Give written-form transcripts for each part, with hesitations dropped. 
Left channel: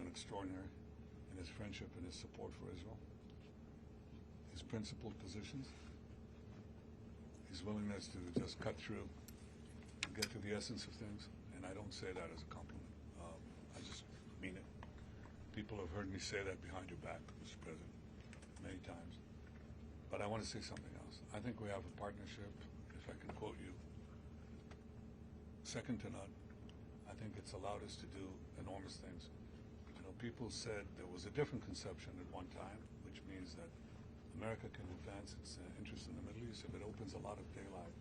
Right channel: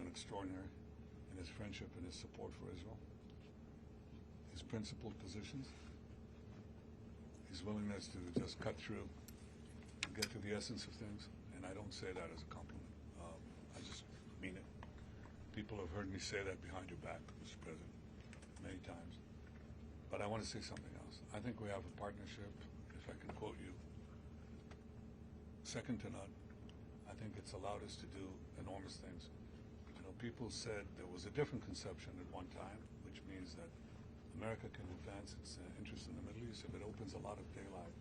been extraordinary in his friendship and his support for Israel, his principled positions, his willingness to just cut through and get to the essence of things. And I don't say that as a compliment. I just mean it. People have heard me say that behind your back, Mr. President, many times. But I want to say something else. I think we have a partnership, if I can quote you, second to none. I think it's allowed us to do enormous things. You know, people said there was a different conception at one time, which means that America can advance its interests in the Middle East if it opens a lot of daylight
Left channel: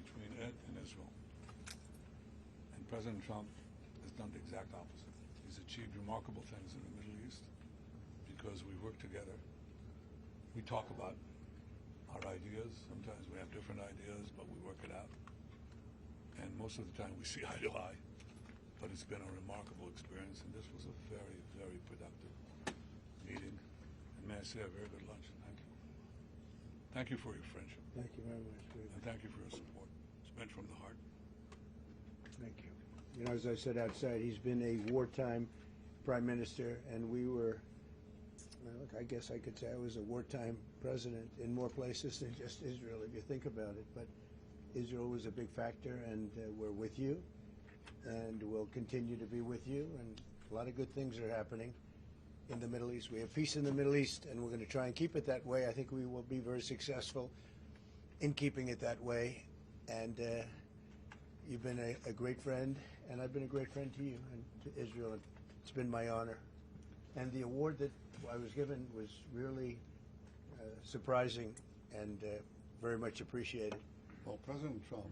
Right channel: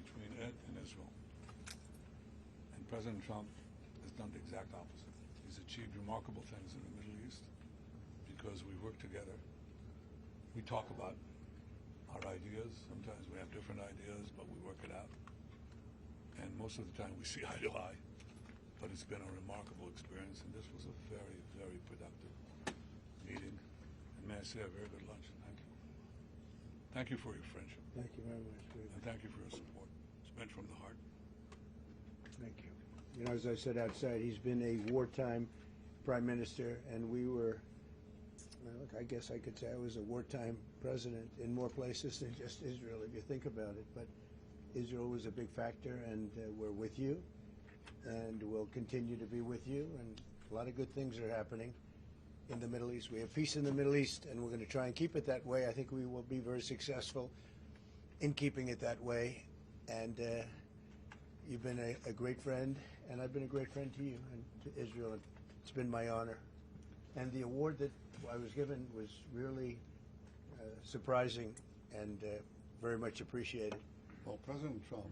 between it and Israel. And President Trump has done the exact opposite. He's achieved remarkable things in the Middle East because we work together. We talk about our ideas. Sometimes we have different ideas, but we work it out. And most of the time we see eye to eye. But it's been a remarkable experience, and this was a very, very productive meeting. And may I say a very good lunch. Thank you. Thank you for your friendship. Thank you very much. And thank you for your support. It's meant from the heart. Thank you. You know, as I said outside, he's been a wartime prime minister, and we were, well, I guess I could say I was a wartime president in more places than just Israel, if you think about it. But Israel was a big factor, and we're with you, and we'll continue to be with you. And a lot of good things are happening in the Middle East. We have peace in the Middle East, and we're going to try and keep it that way. I think we will be very successful in keeping it that way. And you've been a great friend, and I've been a great friend to you and to Israel. It's been my honor. And the award that I was given was really surprising and very much appreciated. Well, President Trump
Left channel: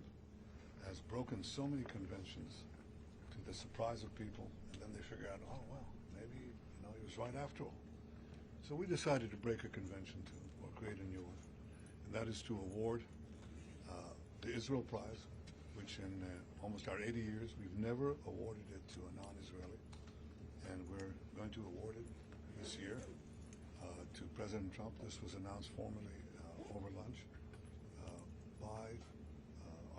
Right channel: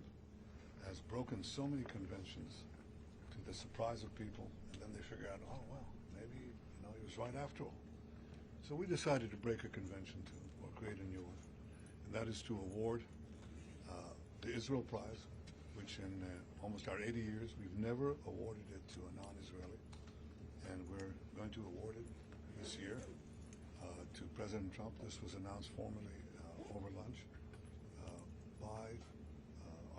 has broken so many conventions to the surprise of people, and then they figure out, oh, well, maybe he was right after all. So we decided to break a convention too, or create a new one, and that is to award the Israel Prize, which in almost our 80 years, we've never awarded it to a non-Israeli, and we're going to award it this year to President Trump. This was announced formally over lunch by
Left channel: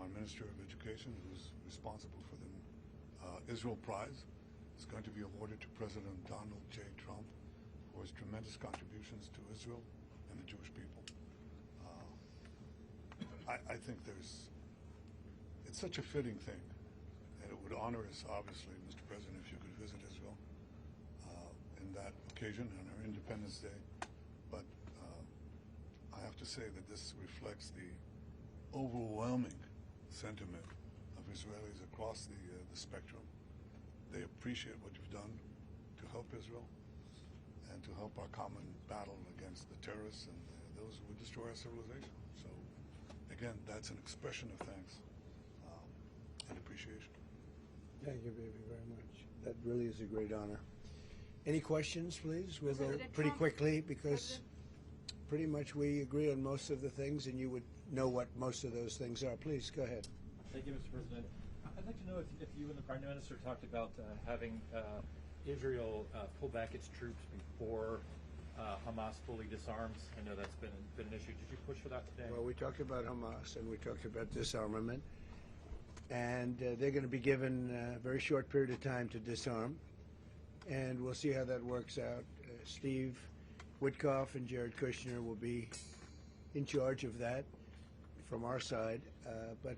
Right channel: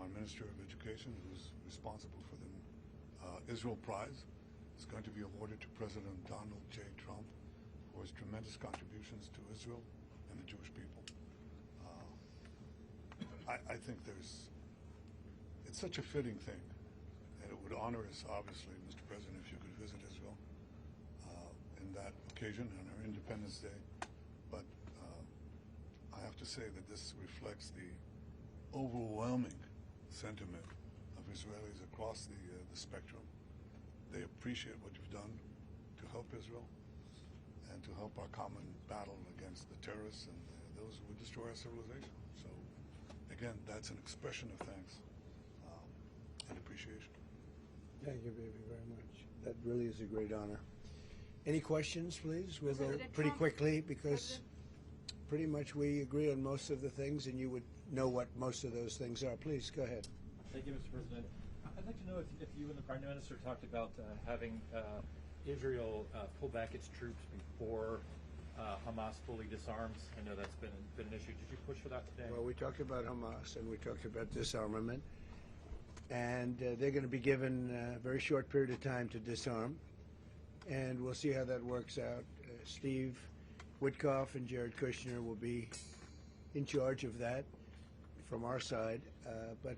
our Minister of Education, who's responsible for the Israel Prize. It's going to be awarded to President Donald J. Trump for his tremendous contributions to Israel and the Jewish people. I think it's such a fitting thing, and it would honor us, obviously, Mr. President, if you could visit Israel in that occasion, on our Independence Day. But I have to say that this reflects the overwhelming sentiment of Israelis across the spectrum. They appreciate what you've done to help Israel and to help our common battle against the terrorists and those who would destroy our civilization. So, again, that's an expression of thanks and appreciation. Thank you, baby, very much. That really is a great honor. Any questions, please? We'll go pretty quickly because pretty much we agree on most of the things, and you would know what most of those things are. Please, go ahead. Thank you, Mr. President. I'd like to know if you and the Prime Minister talked about having Israel pull back its troops before Hamas fully disarms. I know that's been an issue. Did you push for that today? Well, we talked about Hamas, and we talked about disarmament. And they're going to be given a very short period of time to disarm. And we'll see how that works out. Steve Witkoff and Jared Kushner will be in charge of that from our side. But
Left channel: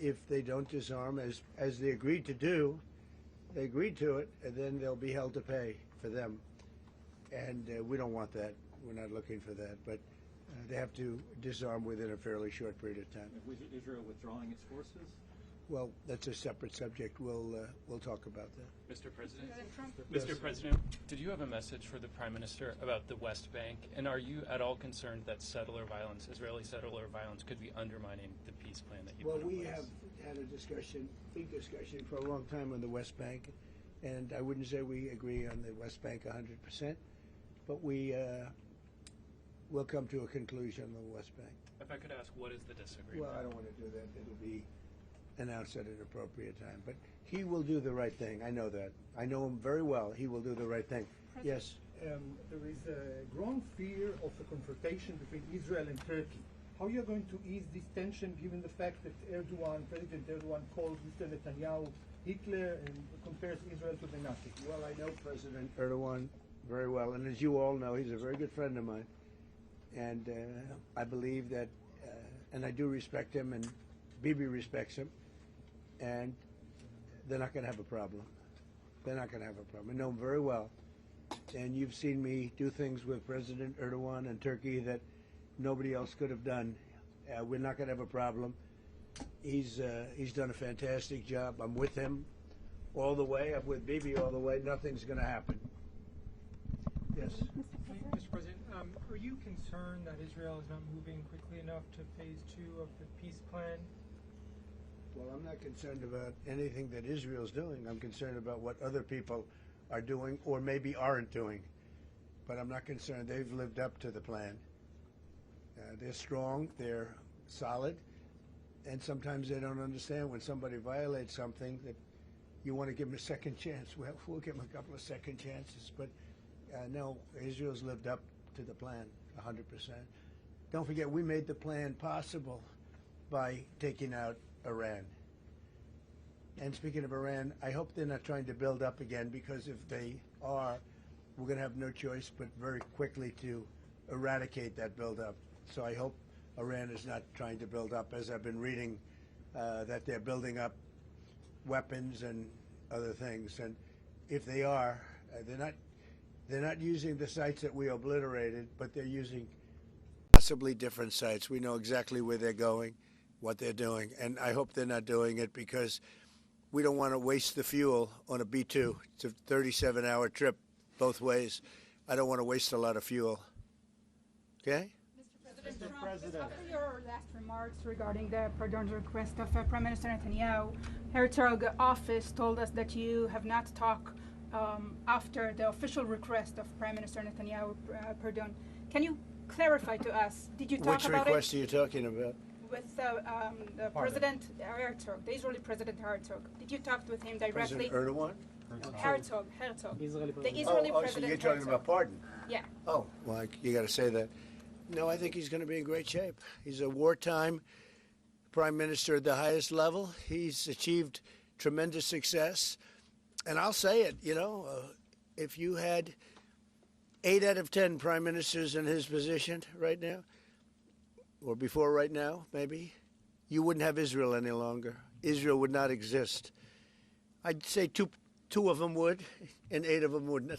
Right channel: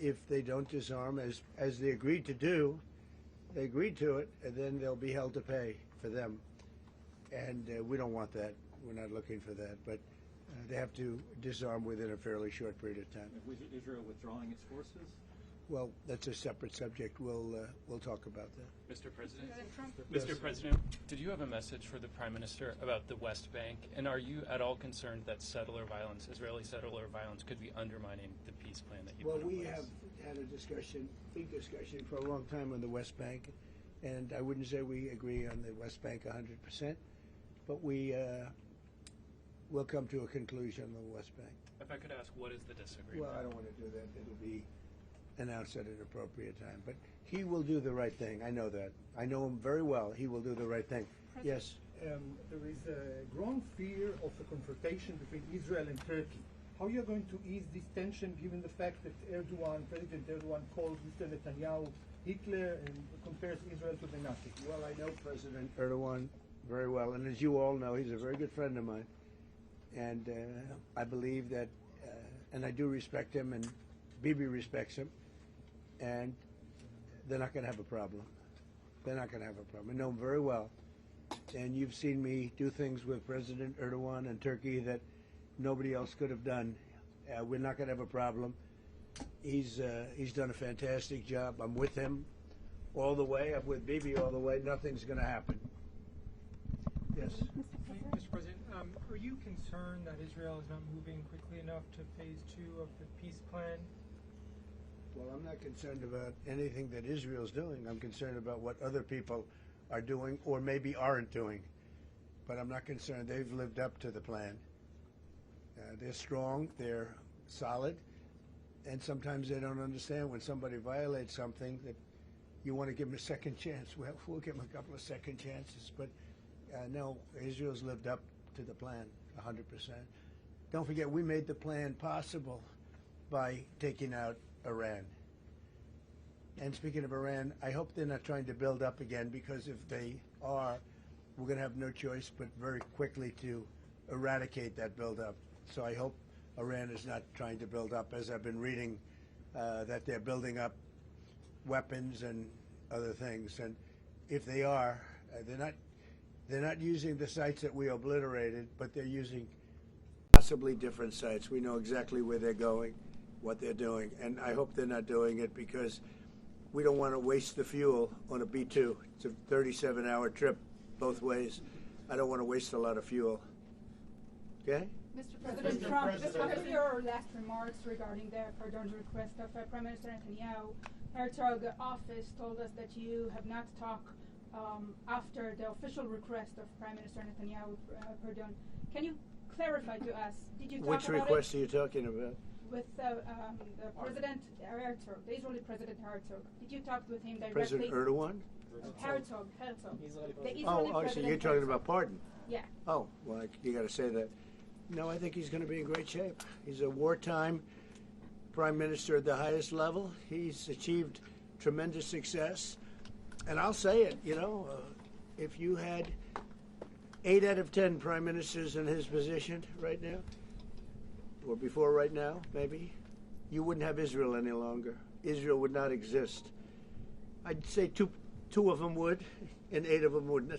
if they don't disarm, as they agreed to do, they agreed to it, and then they'll be held to pay for them. And we don't want that. We're not looking for that. But they have to disarm within a fairly short period of time. Was Israel withdrawing its forces? Well, that's a separate subject. We'll talk about that. Mr. President, Yes. Mr. President, did you have a message for the Prime Minister about the West Bank? And are you at all concerned that settler violence, Israeli settler violence, could be undermining the peace plan that you put in place? Well, we have had a discussion, big discussion, for a long time on the West Bank, and I wouldn't say we agree on the West Bank 100%, but we will come to a conclusion on the West Bank. If I could ask, what is the disagreement? Well, I don't want to do that. It'll be announced at an appropriate time. But he will do the right thing. I know that. I know him very well. He will do the right thing. Yes? There is a growing fear of a confrontation between Israel and Turkey. How are you going to ease this tension given the fact that President Erdogan called Mr. Netanyahu Hitler and compares Israel to the Nazis. Well, I know President Erdogan very well, and as you all know, he's a very good friend of mine. And I believe that, and I do respect him, and Bibi respects him, and they're not going to have a problem. They're not going to have a problem. I know him very well. And you've seen me do things with President Erdogan and Turkey that nobody else could have done. We're not going to have a problem. He's done a fantastic job. I'm with him all the way. I'm with Bibi all the way. Nothing's going to happen. Yes. Mr. President, are you concerned that Israel is not moving quickly enough to phase 2 of the peace plan? Well, I'm not concerned about anything that Israel's doing. I'm concerned about what other people are doing or maybe aren't doing. But I'm not concerned. They've lived up to the plan. They're strong. They're solid. And sometimes they don't understand when somebody violates something that you want to give them a second chance. Well, we'll give them a couple of second chances. But no, Israel's lived up to the plan 100%. Don't forget, we made the plan possible by taking out Iran. And speaking of Iran, I hope they're not trying to build up again, because if they are, we're going to have no choice but very quickly to eradicate that buildup. So I hope Iran is not trying to build up, as I've been reading, that they're building up weapons and other things. And if they are, they're not using the sites that we obliterated, but they're using possibly different sites. We know exactly where they're going, what they're doing, and I hope they're not doing it because we don't want to waste the fuel on a B-2. It's a 37-hour trip both ways. I don't want to waste a lot of fuel. Okay? Mr. President Trump, just after your last remarks regarding the pardon request of Prime Minister Netanyahu, Herzog office told us that you have not talked after the official request of Prime Minister Netanyahu pardon. Can you clarify to us, did you talk about it? Which request are you talking about? With the President Herzog, the Israeli President Herzog. Did you talk with him directly? President Erdogan? Herzog. The Israeli President So you're talking Herzog. about pardon? Yeah. Oh, well, you got to say that. No, I think he's going to be in great shape. He's a wartime prime minister at the highest level. He's achieved tremendous success. And I'll say it, if you had 8 out of 10 prime ministers in his position right now, or before right now, maybe, you wouldn't have Israel any longer. Israel would not exist. I'd say two of them would, and 8 of them wouldn't.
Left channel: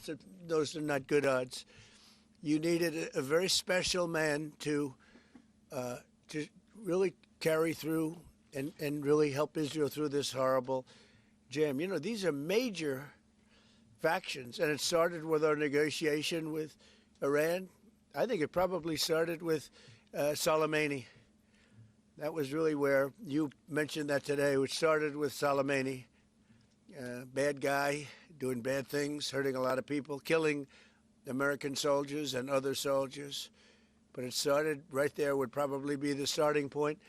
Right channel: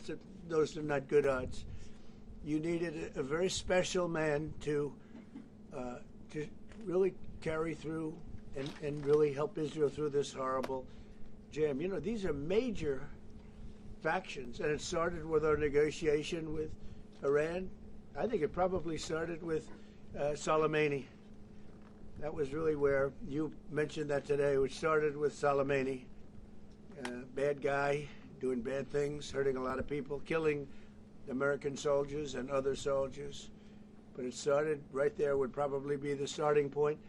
Those are not good odds. You needed a very special man to really carry through and really help Israel through this horrible jam. These are major factions, and it started with our negotiation with Iran. I think it probably started with Soleimani. That was really where you mentioned that today, which started with Soleimani. Bad guy, doing bad things, hurting a lot of people, killing American soldiers and other soldiers. But it started right there, would probably be the starting point.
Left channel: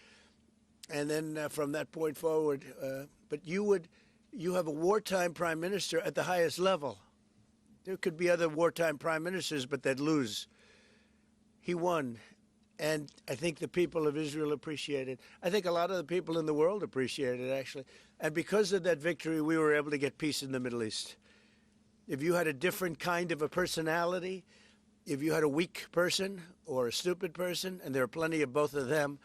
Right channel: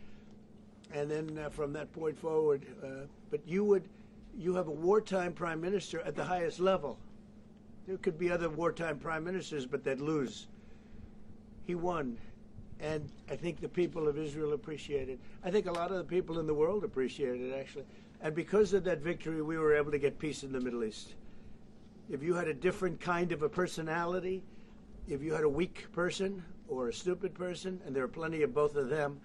And then from that point forward, but you have a wartime prime minister at the highest level. There could be other wartime prime ministers, but they'd lose. He won. And I think the people of Israel appreciate it. I think a lot of the people in the world appreciate it, actually. And because of that victory, we were able to get peace in the Middle East. If you had a different kind of a personality, if you had a weak person or a stupid person, and there are plenty of both of them,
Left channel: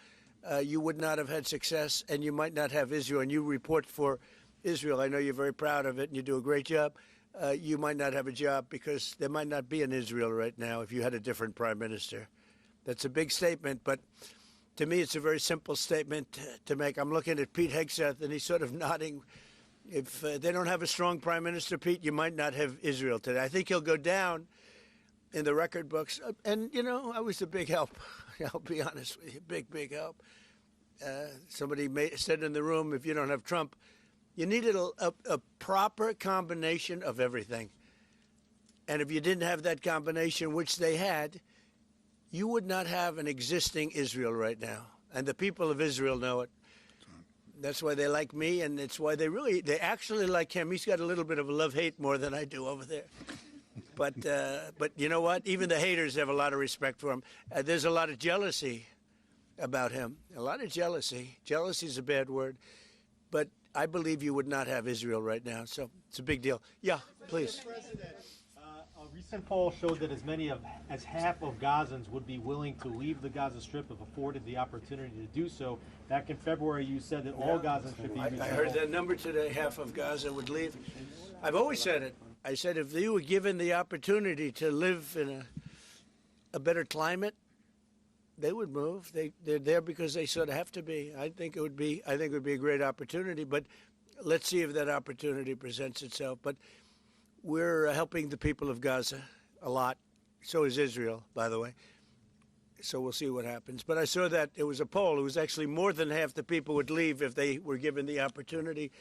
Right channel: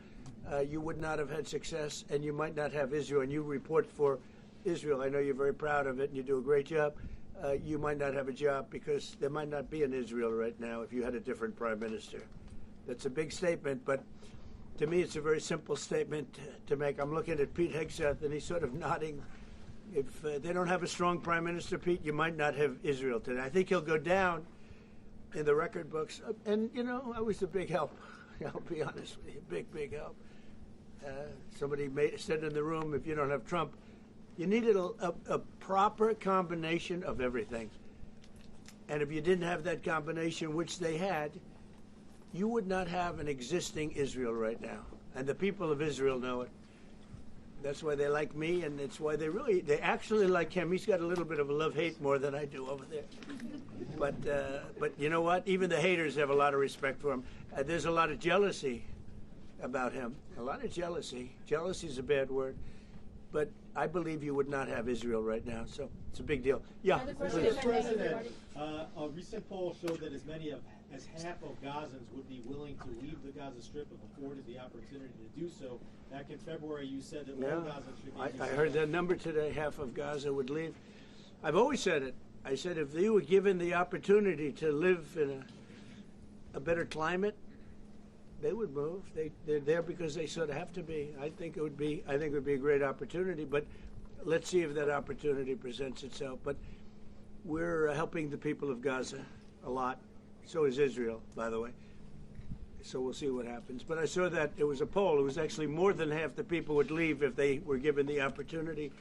you would not have had success, and you might not have Israel. And you report for Israel. I know you're very proud of it, and you do a great job. You might not have a job because there might not be an Israel right now if you had a different prime minister. That's a big statement, but to me it's a very simple statement to make. I'm looking at Pete Hegseth, and he's sort of nodding. If they don't have a strong prime minister, Pete, you might not have Israel today. I think he'll go down in the record books. And, I was a big help. I'll be honest with you, big help. Somebody said in the room, if you don't have Trump, you needed a proper combination of everything. And if you didn't have that combination, which they had, you would not have an existing Israel right now. And the people of Israel know it. That's why they like me, and it's why they actually like him. He's got a little bit of a love-hate more than I do over there. But you know what? Even the haters have a lot of respect for him. There's a lot of jealousy about him. A lot of jealousy. Jealousy is a bad word. but I believe you would not have Israel right now. So it's a big deal. Yeah, please. Mr. President, a recent poll showed that as many as half of Gazans would be willing to leave the Gaza Strip if afforded the opportunity to do so. Back in February, you said that all Gazans should be resettled. I heard that number today. Half of Gaza would leave. I've always said it. I said if they were given the opportunity to live in a better climate, they would move. They're there because they sort of have to be. I think it would be a great opportunity. But let's see if that opportunity presents itself. But we're helping the people of Gaza a lot. So is Israel, by the way. So we'll see what happens. But I saw that it was a poll. It was actually more than half the people would leave if they were given the opportunity.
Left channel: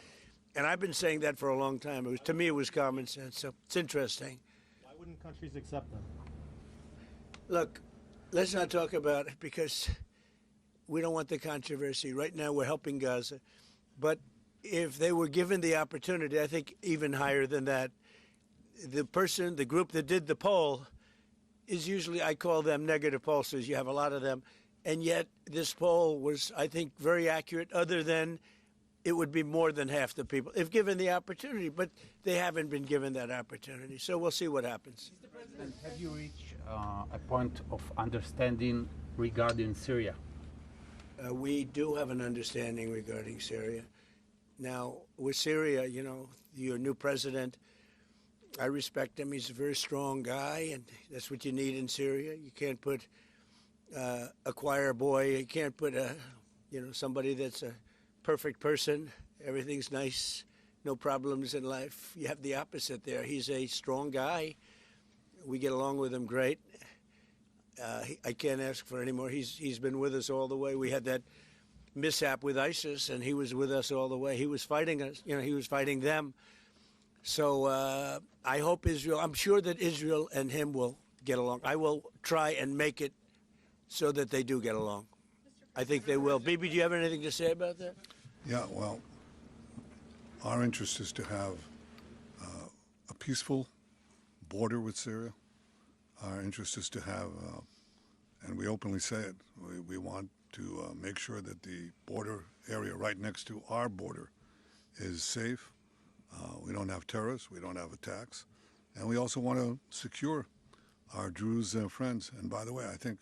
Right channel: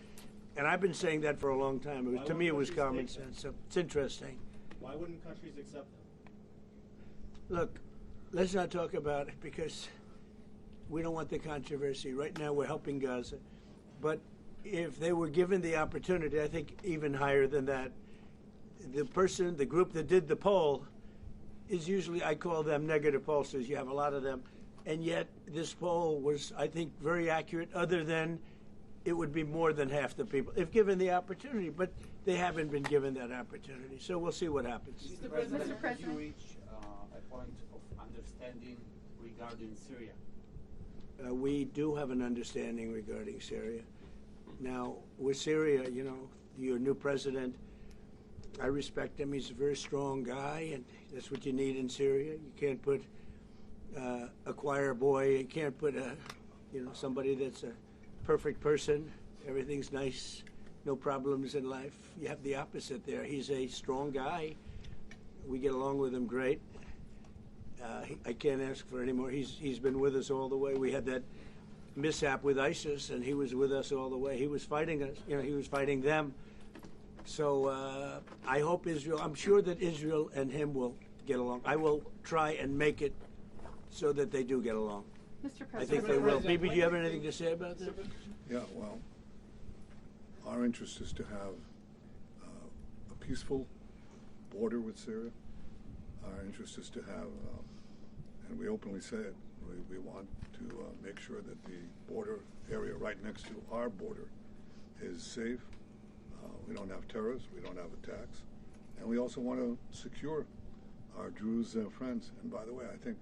And I've been saying that for a long time. To me, it was common sense. So it's interesting. Why wouldn't countries accept them? Look, let's not talk about it because we don't want the controversy. Right now, we're helping Gaza. But if they were given the opportunity, I think even higher than that, the group that did the poll is usually, I call them negative pollsters. You have a lot of them. And yet, this poll was, I think, very accurate, other than it would be more than half the people, if given the opportunity. But they haven't been given that opportunity. So we'll see what happens. Mr. President, did you reach a point of understanding regarding Syria? We do have an understanding regarding Syria. Now, with Syria, you know, your new president, I respect him. He's a very strong guy, and that's what you need in Syria. You can't put a choir boy. You can't put somebody that's a perfect person. Everything's nice, no problems in life. You have the opposite there. He's a strong guy. We get along with him great. I can't ask for any more. He's been with us all the way. We had that mishap with ISIS, and he was with us all the way. He was fighting us. You know, he was fighting them. So I hope Israel. I'm sure that Israel and him will get along. I will try and make it so that they do get along. Mr. I think they will. Bibi, do you have anything to say about that? Yeah, well, our interest is to have a peaceful border with Syria. Our interest is to have, and we openly say it, we want to make sure that the border area right next to our border is safe. We don't have terrorists, we don't have attacks, and we also want to secure our Druze friends. And by the way, I think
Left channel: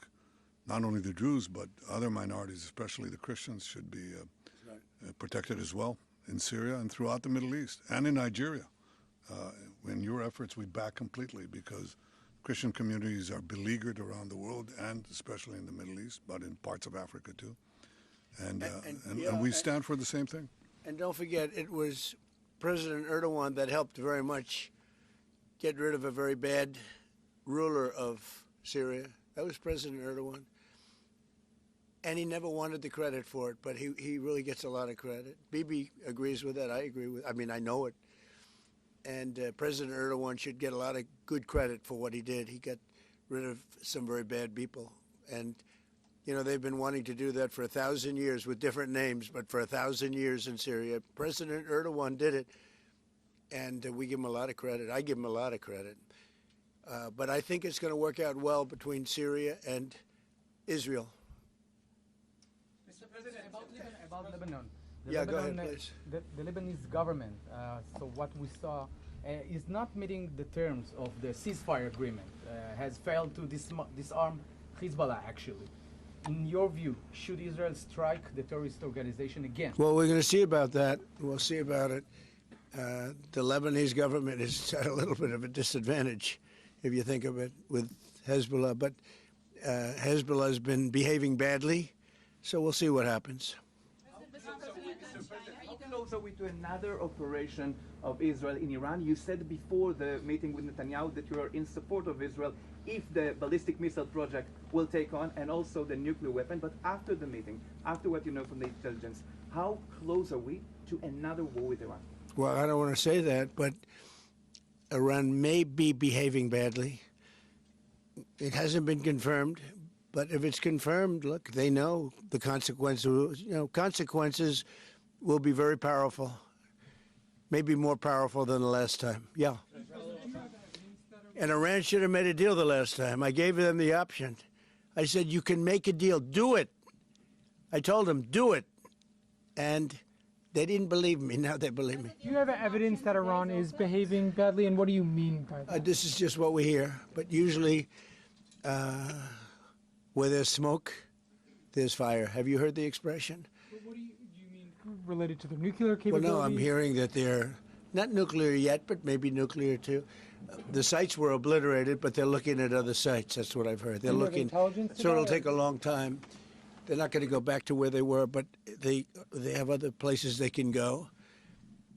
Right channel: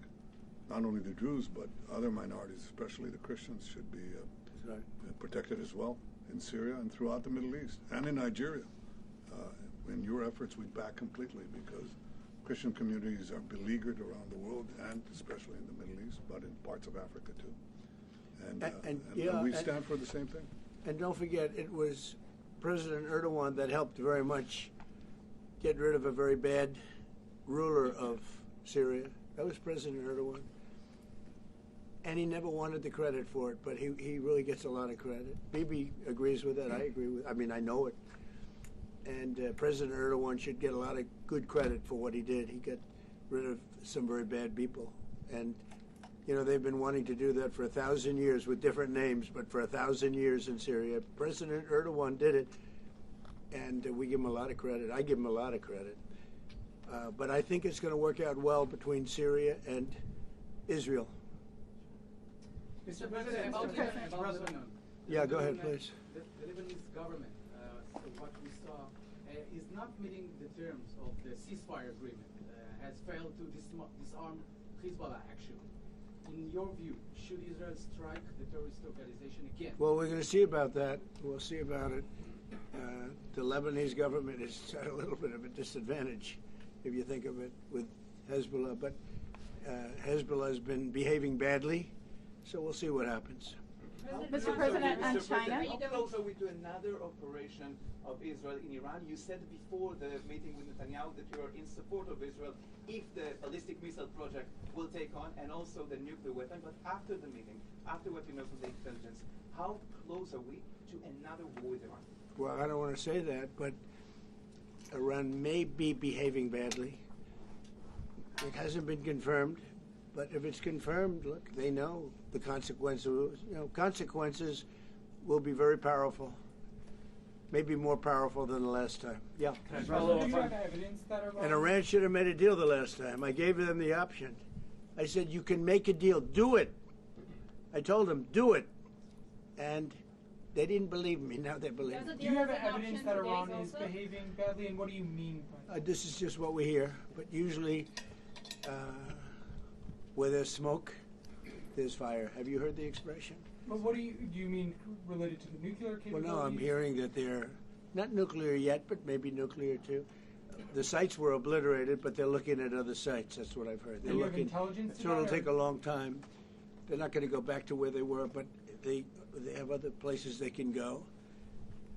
not only the Druze, but other minorities, especially the Christians, should be protected as well in Syria and throughout the Middle East and in Nigeria. In your efforts, we back completely because Christian communities are beleaguered around the world and especially in the Middle East, but in parts of Africa too. And we stand for the same thing. And don't forget, it was President Erdogan that helped very much get rid of a very bad ruler of Syria. That was President Erdogan. And he never wanted the credit for it, but he really gets a lot of credit. Bibi agrees with that. I agree with. I mean, I know it. And President Erdogan should get a lot of good credit for what he did. He got rid of some very bad people. And, you know, they've been wanting to do that for 1,000 years with different names, but for 1,000 years in Syria. President Erdogan did it, and we give him a lot of credit. I give him a lot of credit. But I think it's going to work out well between Syria and Israel. Mr. President, about Lebanon. Yeah, go ahead, please. The Lebanese government, so what we saw, is not meeting the terms of the ceasefire agreement, has failed to disarm Hezbollah, actually. In your view, should Israel strike the terrorist organization again? Well, we're going to see about that. We'll see about it. The Lebanese government is at a little bit of a disadvantage, if you think of it, with Hezbollah. But Hezbollah has been behaving badly, so we'll see what happens. Mr. President, on China. How close are we to another operation of Israel in Iran? You said before the meeting with Netanyahu that you are in support of Israel if the ballistic missile project will take on and also the nuclear weapon. But after the meeting, after what you know from the intelligence, how close are we to another war with Iran? Well, I don't want to say that, but Iran may be behaving badly. It hasn't been confirmed. But if it's confirmed, look, they know the consequences. You know, consequences will be very powerful, maybe more powerful than the last time. Yeah. And Iran should have made a deal the last time. I gave them the option. I said, you can make a deal. Do it. I told them, do it. And They didn't believe me. Now they believe me. Do you have evidence that Iran is behaving badly, and what do you mean by that? This is just what we hear. But usually, where there's smoke, there's fire. Have you heard the expression? But what do you mean related to the nuclear Well, capabilities? no, I'm hearing that they're not nuclear yet, but maybe nuclear too. The sites were obliterated, but they're looking at other sites. That's what I've heard. They're Do you have looking. intelligence to So it'll that, take a long time. They're not going to go back to where they were, but they have other places they can go.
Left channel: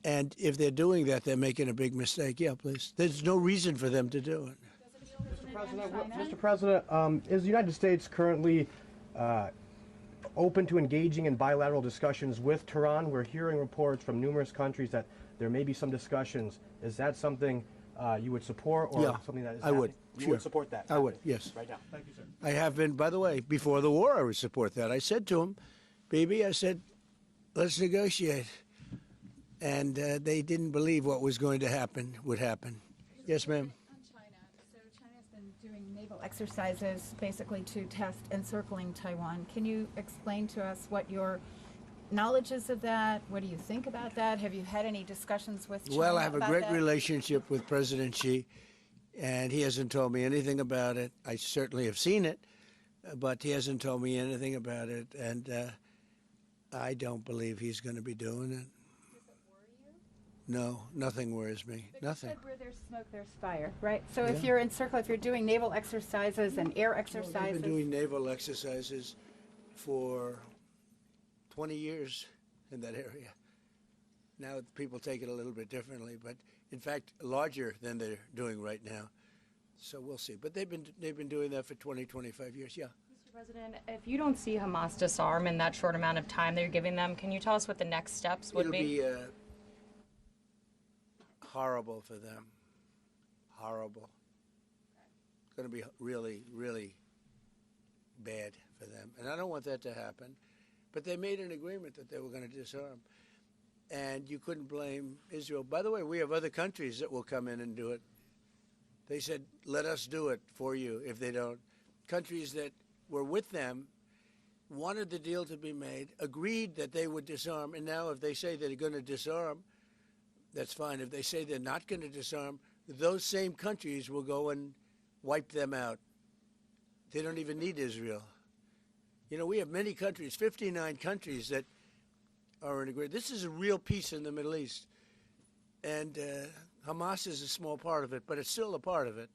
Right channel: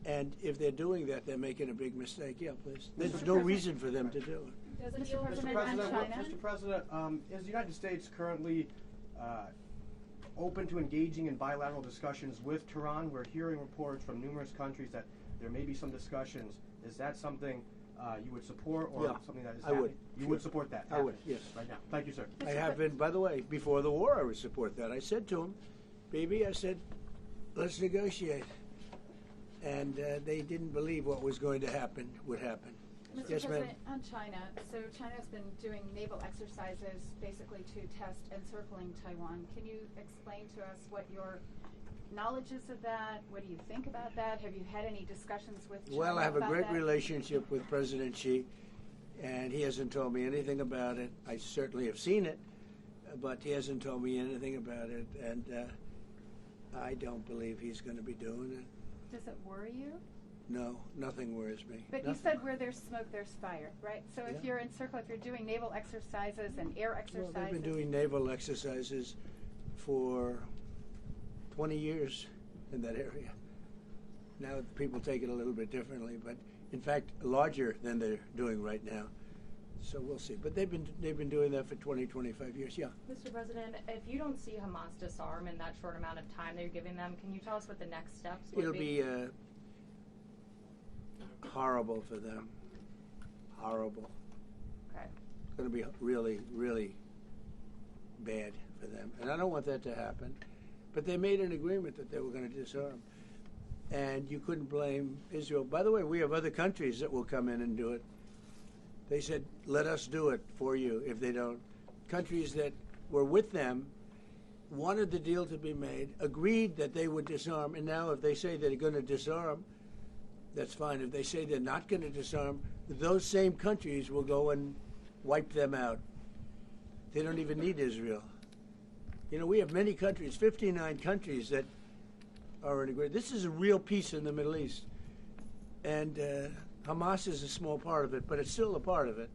And if they're doing that, they're making a big mistake. Yeah, please. There's no reason for them to do it. Mr. President, is the United States currently open to engaging in bilateral discussions with Tehran? We're hearing reports from numerous countries that there may be some discussions. Is that something you would support, or Yeah, something that is I happening? would. You Sure. would support that? I would, yes. Right now. Thank you, sir. I have been, by the way, before the war, I would support that. I said to him, Bibi, I said, let's negotiate. And they didn't believe what was going to happen would happen. Mr. Yes, ma'am. President, on China, so China's been doing naval exercises basically to test encircling Taiwan. Can you explain to us what your knowledge is of that? What do you think about that? Have you had any discussions with China Well, I have a about great that? relationship with President Xi, and he hasn't told me anything about it. I certainly have seen it, but he hasn't told me anything about it, and I don't believe he's going to be doing it. Does it worry you? No, nothing worries me. But nothing. you said where there's smoke, there's fire, right? So if Yeah. you're encircled, if you're doing naval exercises and air Well, exercises, they've been doing naval exercises for 20 years in that area. Now people take it a little bit differently, but in fact larger than they're doing right now. So we'll see. But they've been doing that for 20, 25 years. Yeah. Mr. President, if you don't see Hamas disarm in that short amount of time that you're giving them, can you tell us what the next steps would It'll be horrible for them. Horrible. Okay. It's going to be really, really bad for them. And I don't want that to happen. But they made an agreement that they were going to disarm. And you couldn't blame Israel. By the way, we have other countries that will come in and do it. They said, let us do it for you if they don't. Countries that were with them wanted the deal to be made, agreed that they would disarm, and now if they say they're going to disarm, that's fine. If they say they're not going to disarm, those same countries will go and wipe them out. They don't even need Israel. You know, we have many countries, 59 countries that are in agreement. This is a real peace in the Middle East. And Hamas is a small part of it, but it's still a part of it.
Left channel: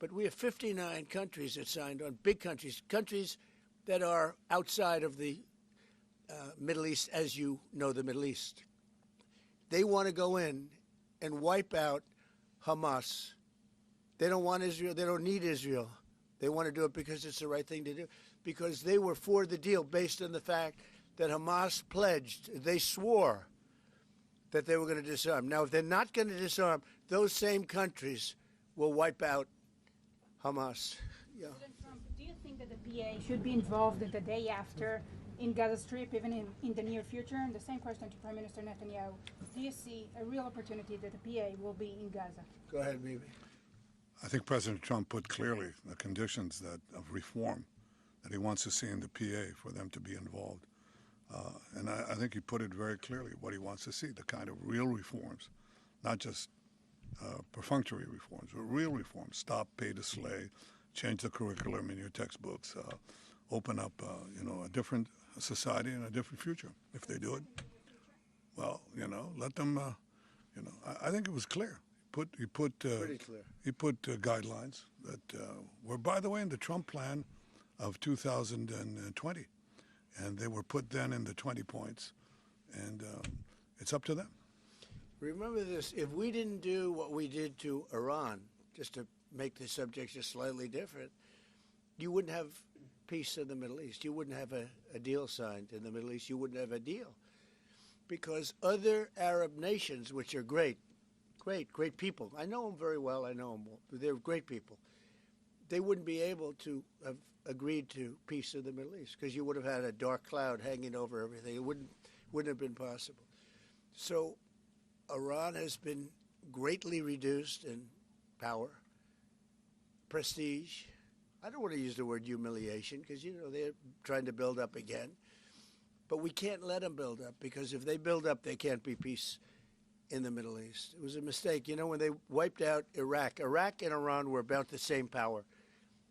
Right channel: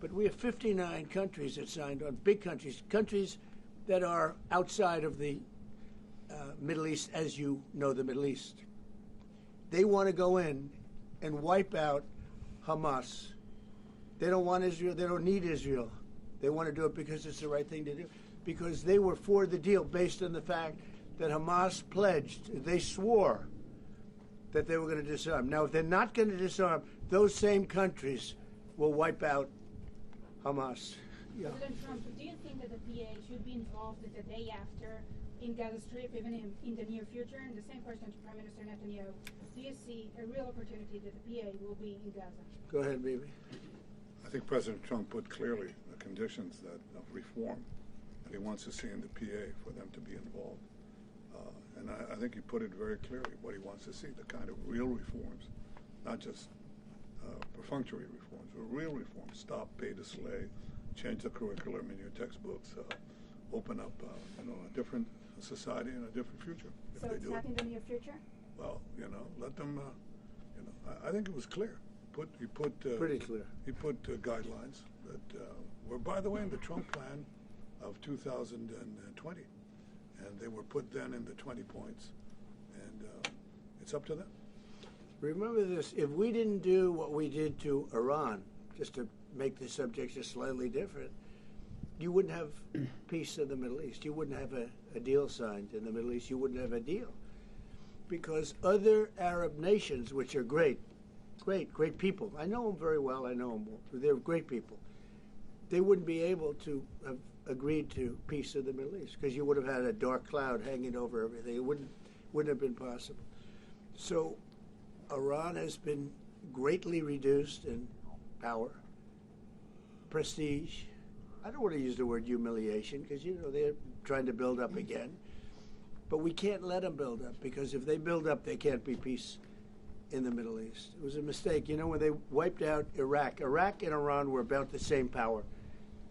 But we have 59 countries that signed on, big countries, countries that are outside of the Middle East, as you know the Middle East. They want to go in and wipe out Hamas. They don't want Israel. They don't need Israel. They want to do it because it's the right thing to do, because they were for the deal based on the fact that Hamas pledged, they swore that they were going to disarm. Now, if they're not going to disarm, those same countries will wipe out Hamas. Yeah. President Trump, do you think that the PA should be involved the day after in Gaza Strip, even in the near future? And the same question to Prime Minister Netanyahu. Do you see a real opportunity that the PA will be in Gaza? Go ahead, baby. I think President Trump put clearly the conditions of reform that he wants to see in the PA for them to be involved. And I think he put it very clearly what he wants to see, the kind of real reforms, not just perfunctory reforms, but real reforms. Stop pay to slay, change the curriculum in your textbooks, open up a different society and a different future if So they it's do not it. in the near future? Well, let them, I think it was clear. He put Pretty clear. He put guidelines that were, by the way, in the Trump plan of 2020. And they were put then in the 20 points. And it's up to them. Remember this, if we didn't do what we did to Iran, just to make the subject just slightly different, you wouldn't have peace in the Middle East. You wouldn't have a deal signed in the Middle East. You wouldn't have a deal. Because other Arab nations, which are great people, I know them very well, I know them, they're great people, they wouldn't be able to have agreed to peace in the Middle East, because you would have had a dark cloud hanging over everything. It wouldn't have been possible. So Iran has been greatly reduced in power, prestige. I don't want to use the word humiliation, because they're trying to build up again. But we can't let them build up, because if they build up, there can't be peace in the Middle East. It was a mistake. You know, when they wiped out Iraq and Iran were about the same power.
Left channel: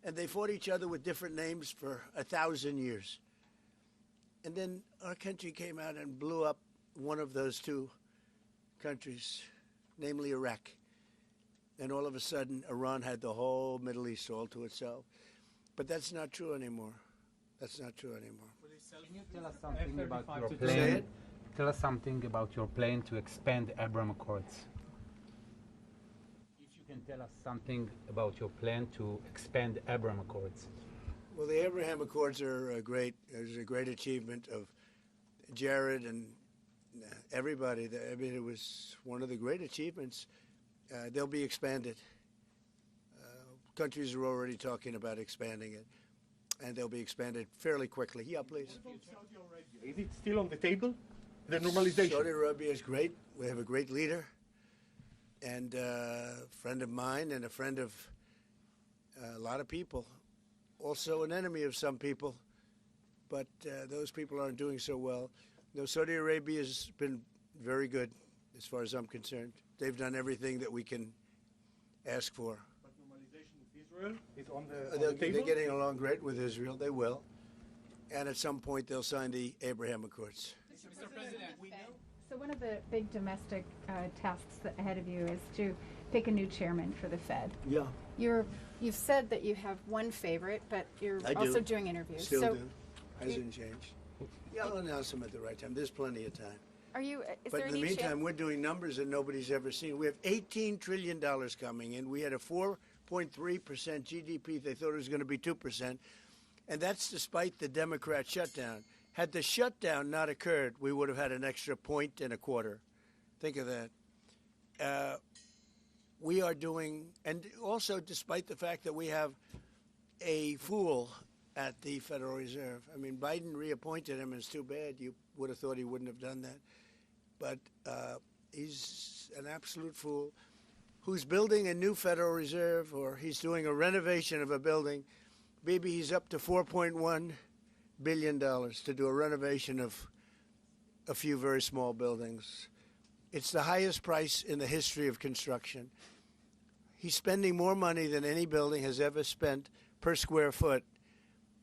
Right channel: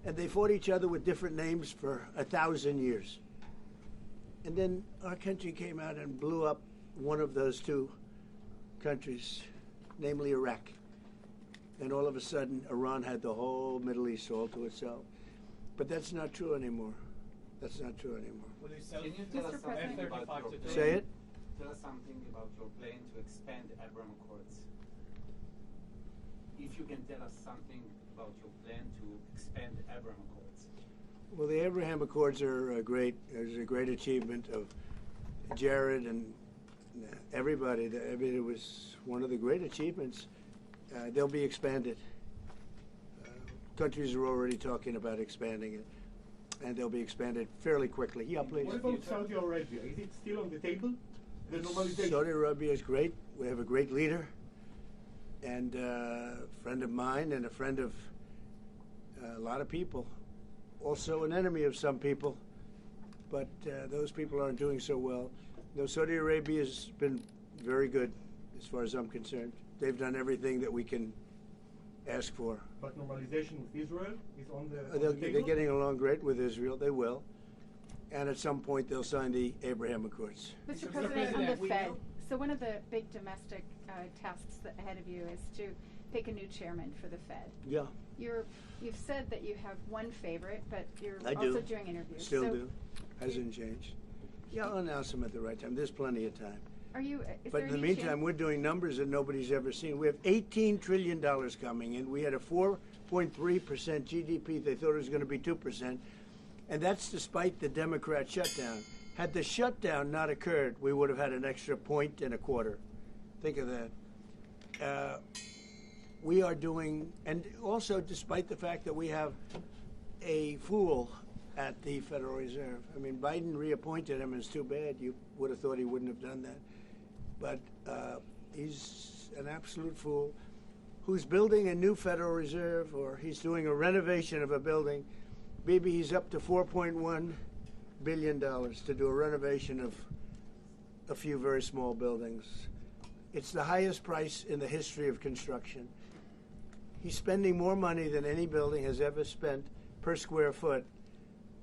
And they fought each other with different names for 1,000 years. And then our country came out and blew up one of those two countries, namely Iraq. And all of a sudden, Iran had the whole Middle East all to itself. But that's not true anymore. That's not true anymore. Can you tell us something about your Say plan? it? Tell us something about your plan to expand Abraham Accords. If you can tell us something about your plan to expand Abraham Accords. Well, the Abraham Accords are a great achievement of Jared and everybody. I mean, it was one of the great achievements. They'll be expanded. Countries are already talking about expanding it, and they'll be expanded fairly quickly. Yeah, please. What about Saudi Arabia? Is it still on the table? The normalization? Saudi Arabia is great. We have a great leader, and a friend of mine and a friend of a lot of people. Also an enemy of some people, but those people aren't doing so well. No, Saudi Arabia has been very good as far as I'm concerned. They've done everything that we can ask for. But normalization with Israel is on the table? They're getting along great with Israel. They will. And at some point, they'll sign the Abraham Accords. Mr. President, on the Fed, so one of the big domestic tasks ahead of you is to pick a new chairman for the Fed. Yeah. You've said that you have one favorite, but you're I also do. doing interviews. Still so do. Hasn't changed. Yeah, I'll announce them at the right time. There's plenty of time. Are you? Is But there in the any meantime, chance? we're doing numbers that nobody's ever seen. We have $18 trillion coming in. We had a 4.3% GDP. They thought it was going to be 2%. And that's despite the Democrat shutdown. Had the shutdown not occurred, we would have had an extra 1.25. Think of that. We are doing, and also despite the fact that we have a fool at the Federal Reserve. I mean, Biden reappointed him, and it's too bad. You would have thought he wouldn't have done that. But he's an absolute fool who's building a new Federal Reserve, or he's doing a renovation of a building. Maybe he's up to $4.1 billion to do a renovation of a few very small buildings. It's the highest price in the history of construction. He's spending more money than any building has ever spent per square foot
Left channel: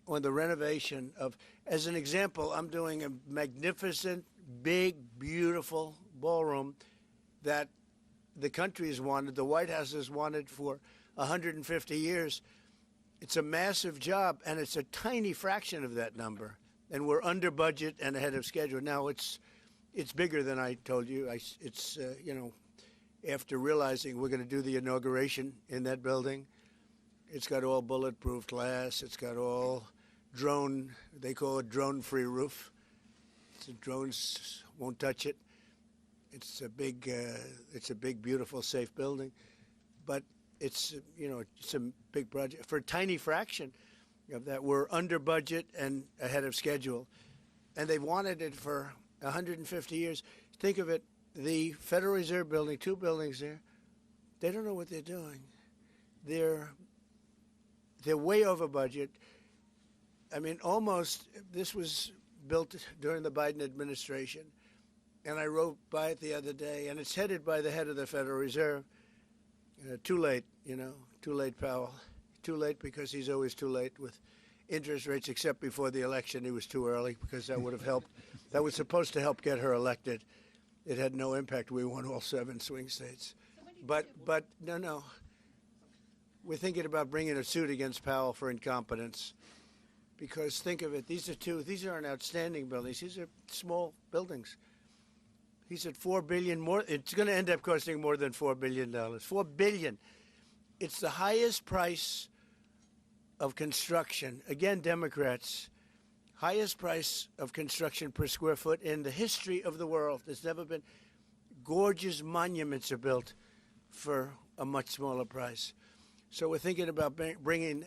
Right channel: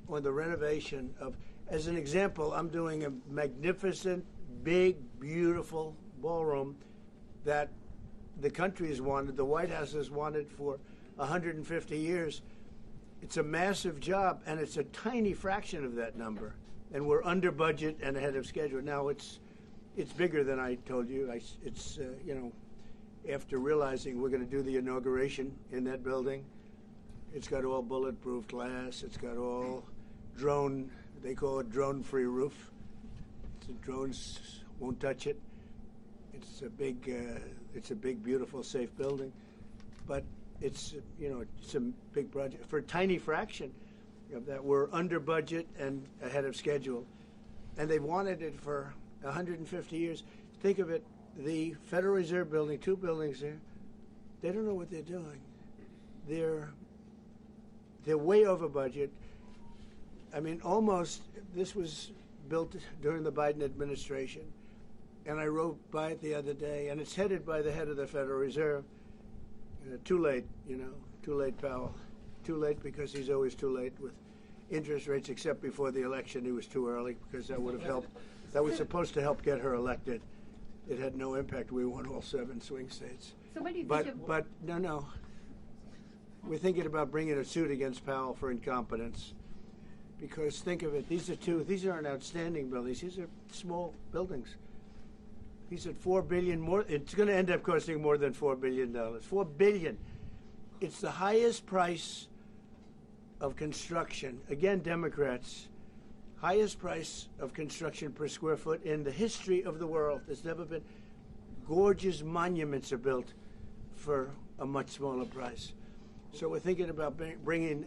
on the renovation of, as an example, I'm doing a magnificent, big, beautiful ballroom that the country has wanted, the White House has wanted for 150 years. It's a massive job, and it's a tiny fraction of that number. And we're under budget and ahead of schedule. Now, it's bigger than I told you. After realizing we're going to do the inauguration in that building, it's got all bulletproof glass. It's got all drone, they call it drone-free roof. So drones won't touch it. It's a big, beautiful, safe building. But it's a big project. For a tiny fraction of that, we're under budget and ahead of schedule. And they've wanted it for 150 years. Think of it, the Federal Reserve building, 2 buildings there, they don't know what they're doing. They're way over budget. I mean, this was built during the Biden administration. And I rode by it the other day, and it's headed by the head of the Federal Reserve. Too late, too late, Powell. Too late because he's always too late with interest rates, except before the election he was too early, because that would have helped. That was supposed to help get her elected. It had no impact. We won all 7 swing states. So what do you But think of? no. We're thinking about bringing a suit against Powell for incompetence. Because think of it, these aren't outstanding buildings. These are small buildings. He said $4 billion more. It's going to end up costing more than $4 billion. $4 billion. It's the highest price of construction. Again, Democrats. Highest price of construction per square foot in the history of the world. There's never been. Gorgeous monuments are built for a much smaller price. So we're thinking about bringing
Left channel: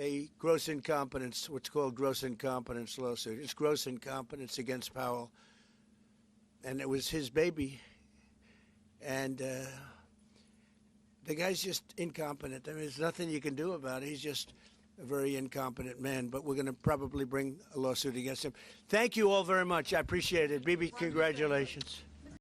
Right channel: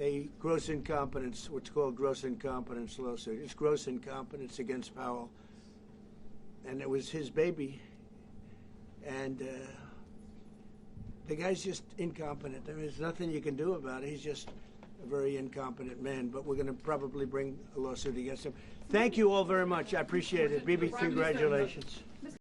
a gross incompetence, what's called gross incompetence lawsuit. It's gross incompetence against Powell. And it was his baby. And the guy's just incompetent. I mean, there's nothing you can do about it. a very incompetent man, but we're going to probably bring a lawsuit against him. Thank you all very much. I appreciate it. Bibi, congratulations.